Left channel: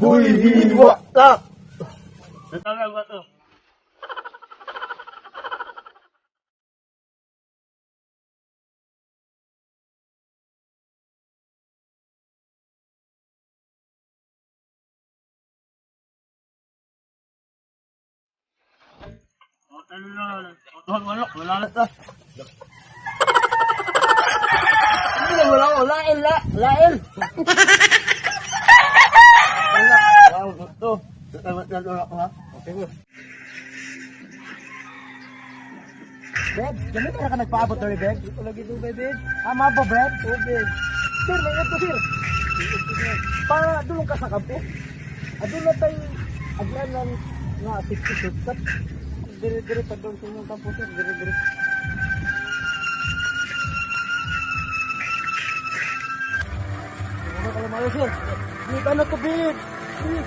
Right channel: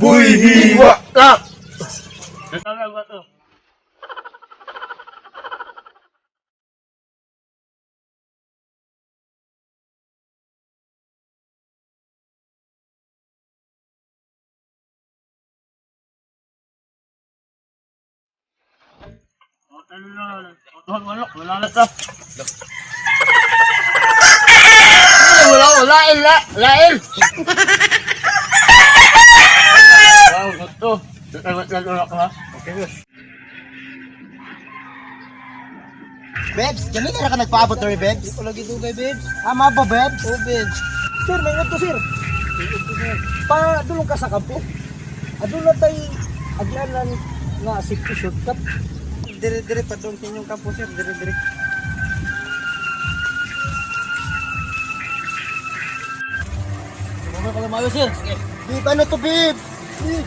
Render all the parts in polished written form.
Buhihiwa ka! Tawag ba to? Wala na to. Wala lain. Wow, ito. Tatawag na ulo ko ha. Bebs, ganun ka nagpaabot na rin, Bebs? Wala gito kay Bebs. Ama ba, Bebs? Oo, Bebs. Sir, may ito, sir. Padulong ka sa kampo. Adula tayo, agyan na nga safety shortcut. Dire-dire padulong sa inyong kampo, sir. Dire-dire. Wala ka na mayo, sir. Bib, ano to, Bib? Bib!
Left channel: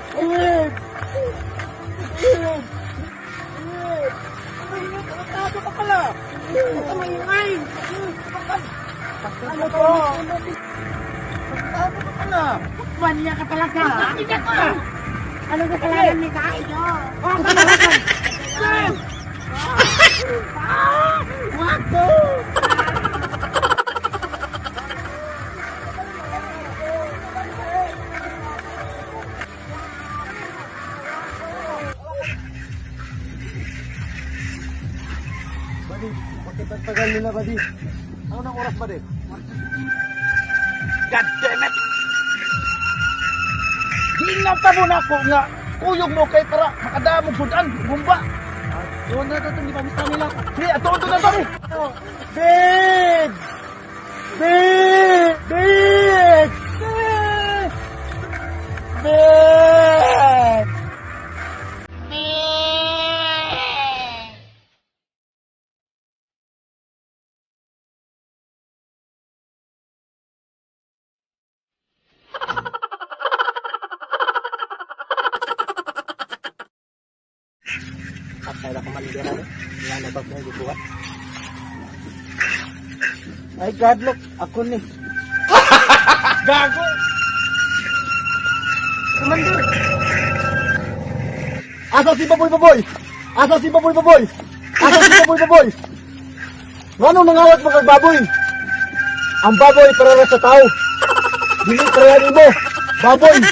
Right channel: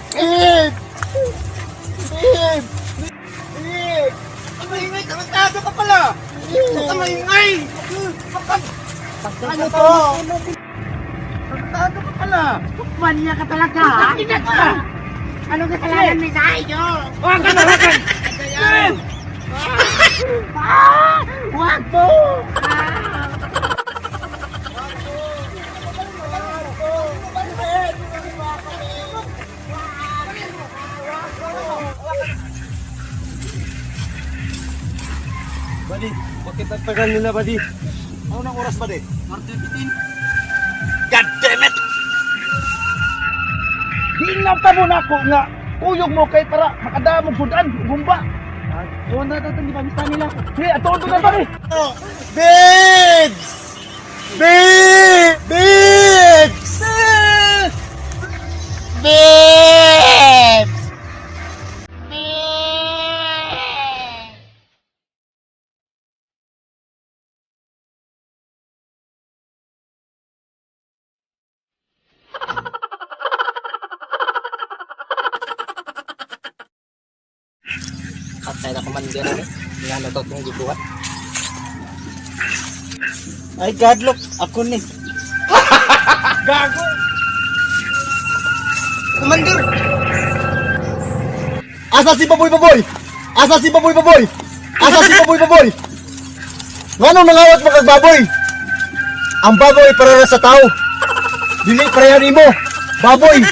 Bib! Bib! Maingay, tago ka pala! Huwag ka maingay! Ano to? Tago ka pala! Wanya ka talaga, ha? Ina ka! Ano kasalanan may sa inyo? Huwag ka talaga! Huwag ko! Buddy, bakit nagtagal nila, buddy? Ano nang oras, buddy? 1:15. God damn it! Tingnan pa muna ako nga kuyog mo kay para makadamog sudan, bumba. Doon na ito, hindi pamista nila ako. Hey, ato na ba eh? Bibs! Bibs! Bibs! Bibs! Patay na kumandir. Yan ito itong gibuhat. Ay, God, look! Ako ni. Gago! Commander! Asa si Baboy Baboy? Asa si Baboy Baboy? Asa si Baboy Baboy? Ngano nangawat mo kag baboy? Ang baboy para sa tao. Dili parehan imo. Baboy.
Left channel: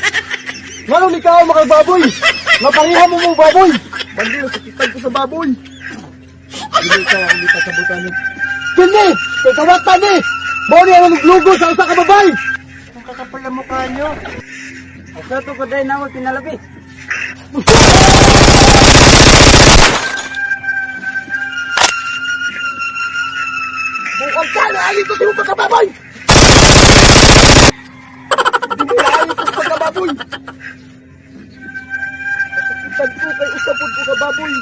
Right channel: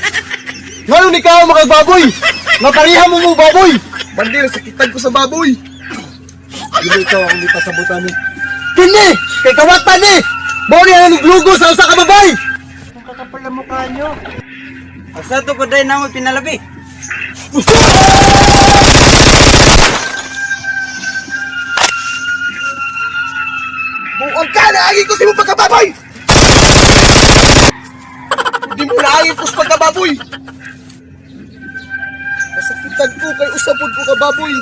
Ngano ni kao mo kag baboy? Maparihan mo mo baboy. Bandir, sakitan ko sa baboy. Dili ko ang di pasabutan ni. Kini, kay kawatan ni. Mao ni ang lugo sa usa ka babay. Ang kakapal na mukha nyo. Asa to paday na mo pinalabi? Buong ka na agi ko sa imong pagkababoy! Hindi mo na agi ko sa pagkababoy! Nasakitan ko kay usapod ko ka baboy!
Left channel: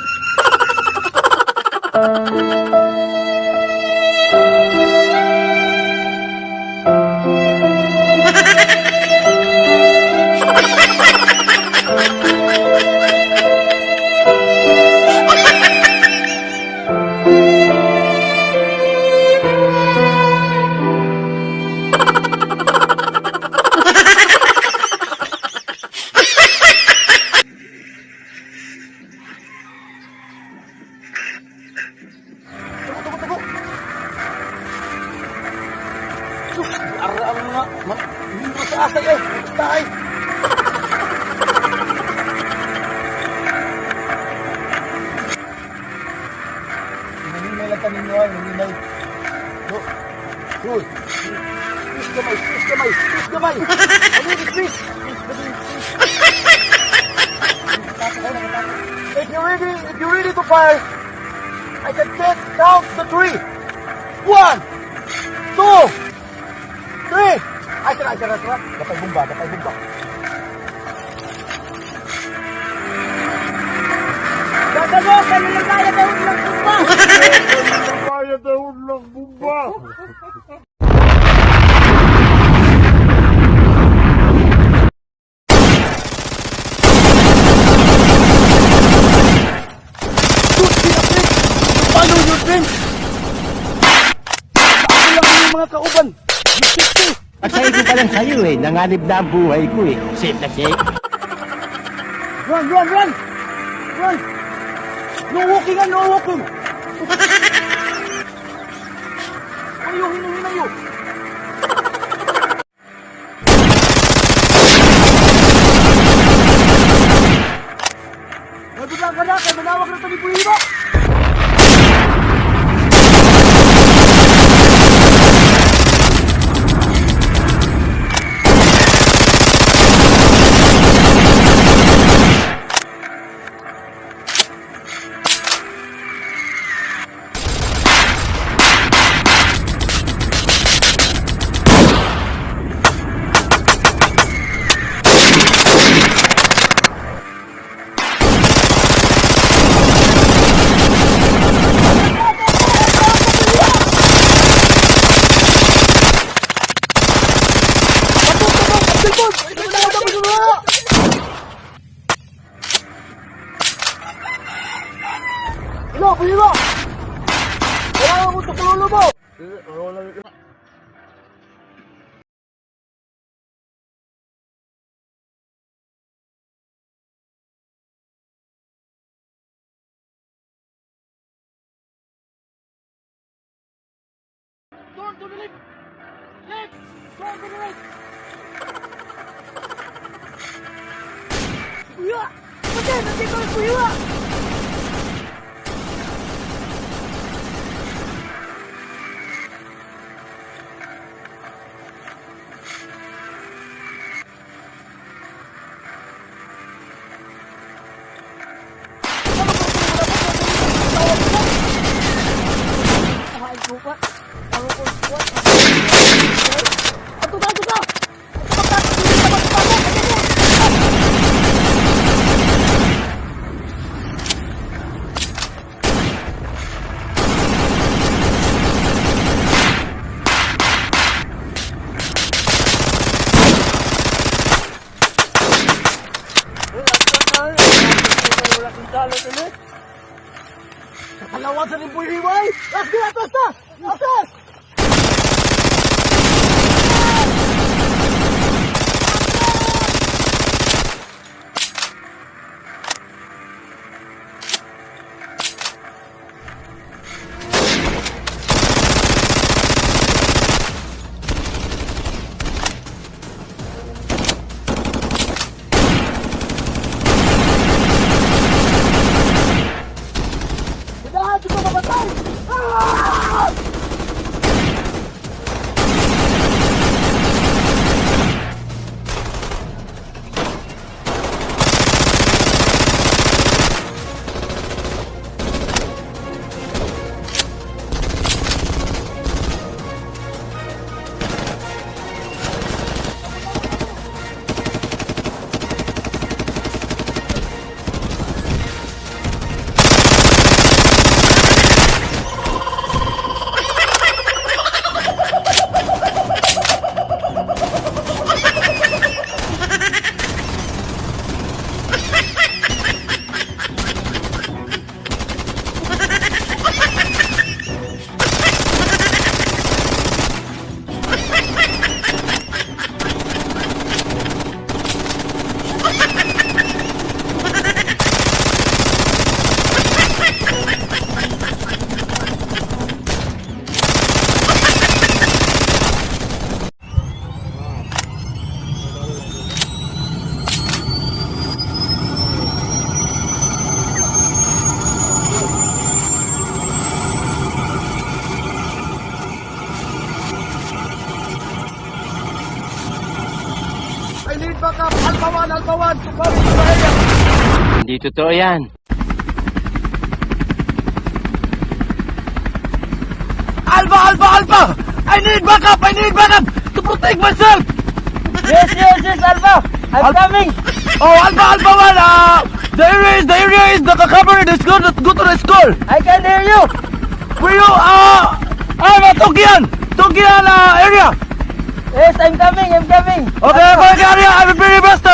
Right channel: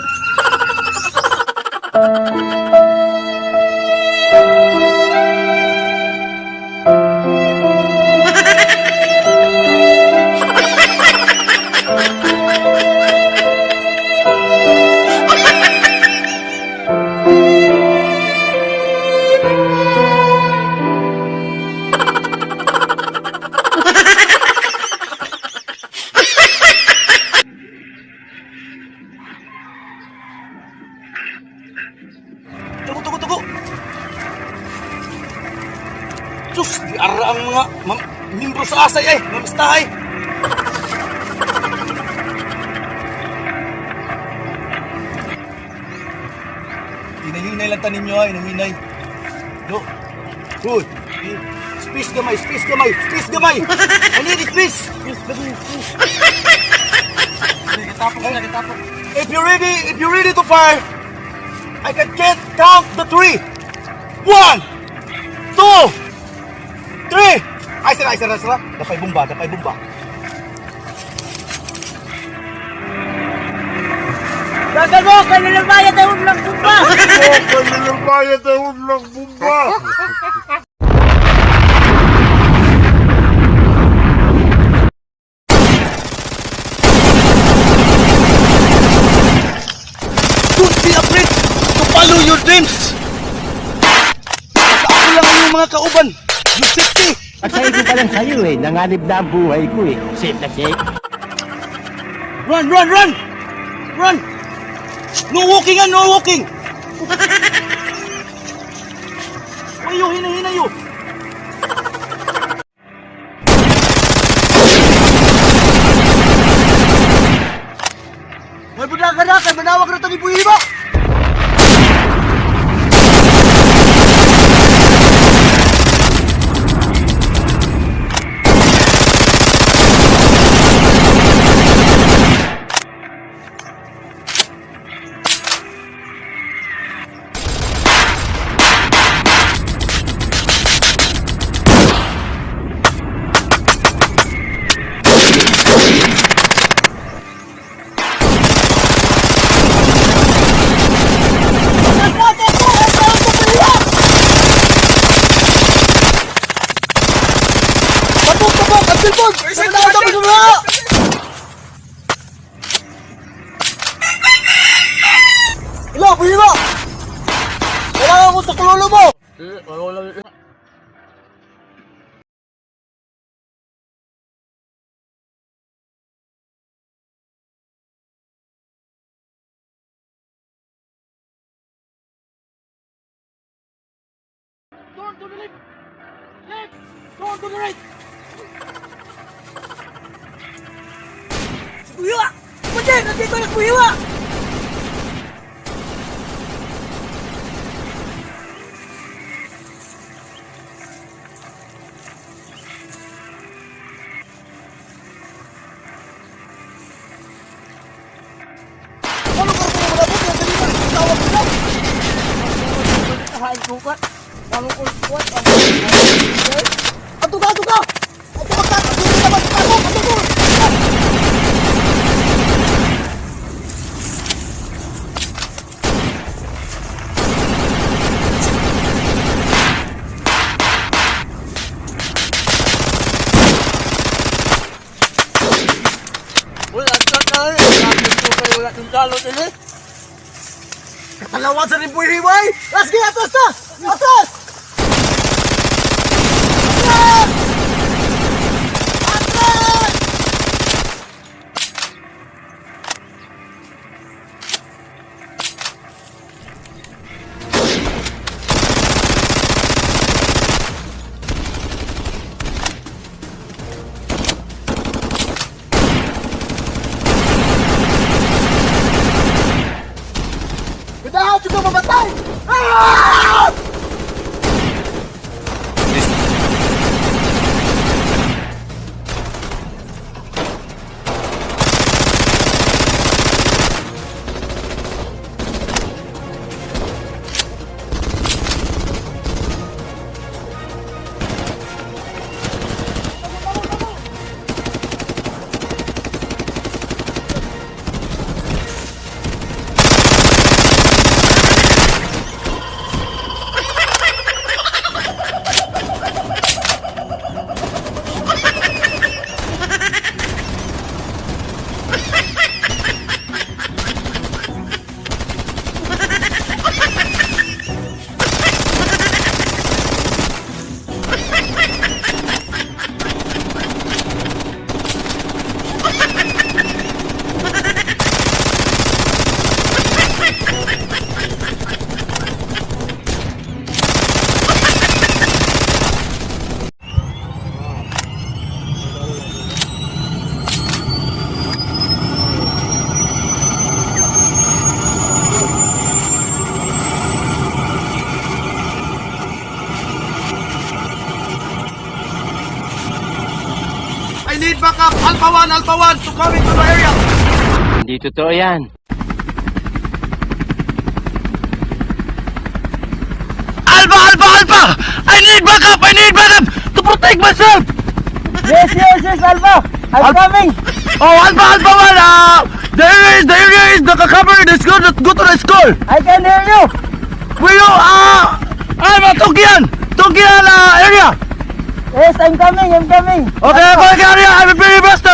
Sus, ara ang mga membro sa asay mga stahay. Hinahinay lang tanin nyo hinahinay. No. Good. Space gamay, space gamay, space gamay. Ano yun, space? If you're ready to fire, I can count to 3. 1, 2, 3! Ay, sira. Kapay bomba. Sabi mo, kailan bayad ay ulang tumba! Bayad ay ulang bumba! Follow your dreams! Ako lang ang mga kauban! Yung safety! At sa pa lang sa'yo eh. Nanganib na ang buhay ko eh. Safe na safe. Run, run, run! Run! No walking no walking! Hinayo, hinayo! May budaga na, kay manawag na tagi puyo mo! Turn to the left! Left! Turn to the right! Kuya! Pwede! Nandito na kuya! Katalawan sa rimboy-rimboy! Let's get atas na! Atas! backup! Alpha 1! Alpha 1! To come into the area! Hindi totoo yan. Alpha! Alpha! Alpha! I need backup! I need backup! To protect myself! Yes, Alpha! I'm coming! Oh, Alpha! Alpha 1! The area is covered! Let's go to the school! I can hear you! Will you, Tokian area! Yes, I'm coming! Okay, go to the area! I'm very faster!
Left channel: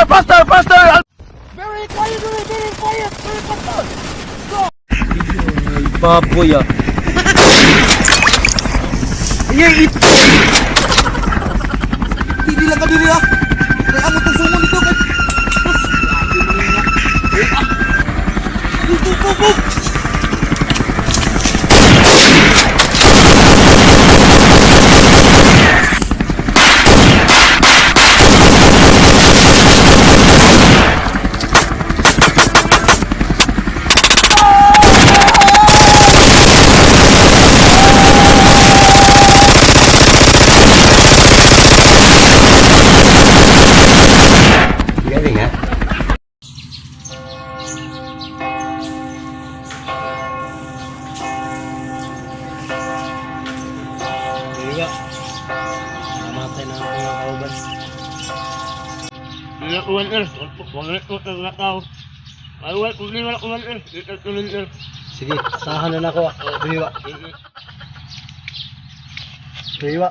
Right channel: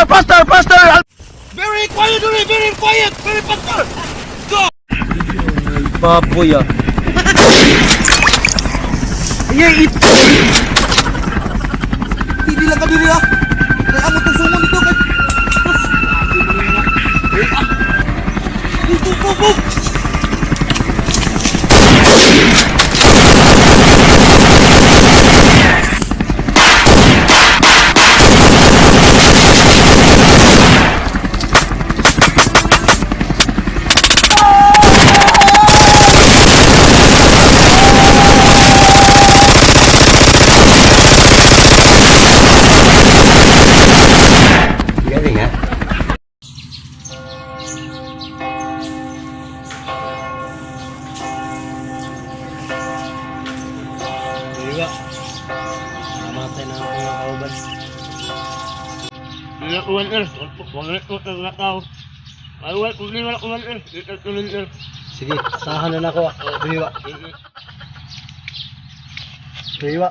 Very quiet! Very faster! Go! Baboy ah. Iya itu. Dila ka diri ah. Kaya amo tong sumon dito kay. Go. Galing ha? Diba? Namatay na ako ng kauban. Hindi na kuwan Wala ko na tao. Ay, hindi na kuwan Dito tuloy Sige, asahan na nako. Biwa. Biwa.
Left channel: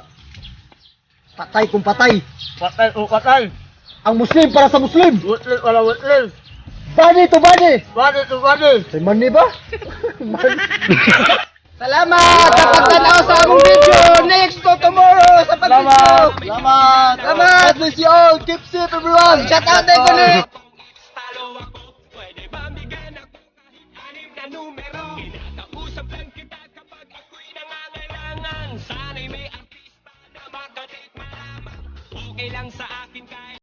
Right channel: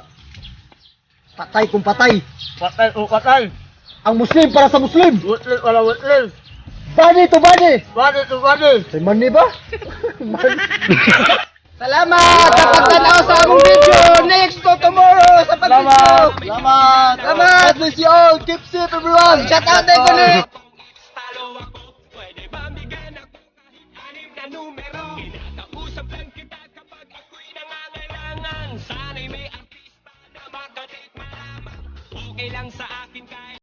Patay kung patay. Patay o patay. Ang Muslim para sa Muslim. Wutli wala wutli. Bani to bani. Badi to badi. Say money ba? Money. Salamat sa pagtanaw sa among video. Next to tomorrow sa pag-video. Salamat. God bless you all. Keep safe everyone. Shout out tayo ko ni. Talo ako, pwede ba bigyan ako kahit anim na numero? Kinakausap lang kita kapag ako'y nangangailangan. Sana'y may artista na makadate malaman. Okay lang sa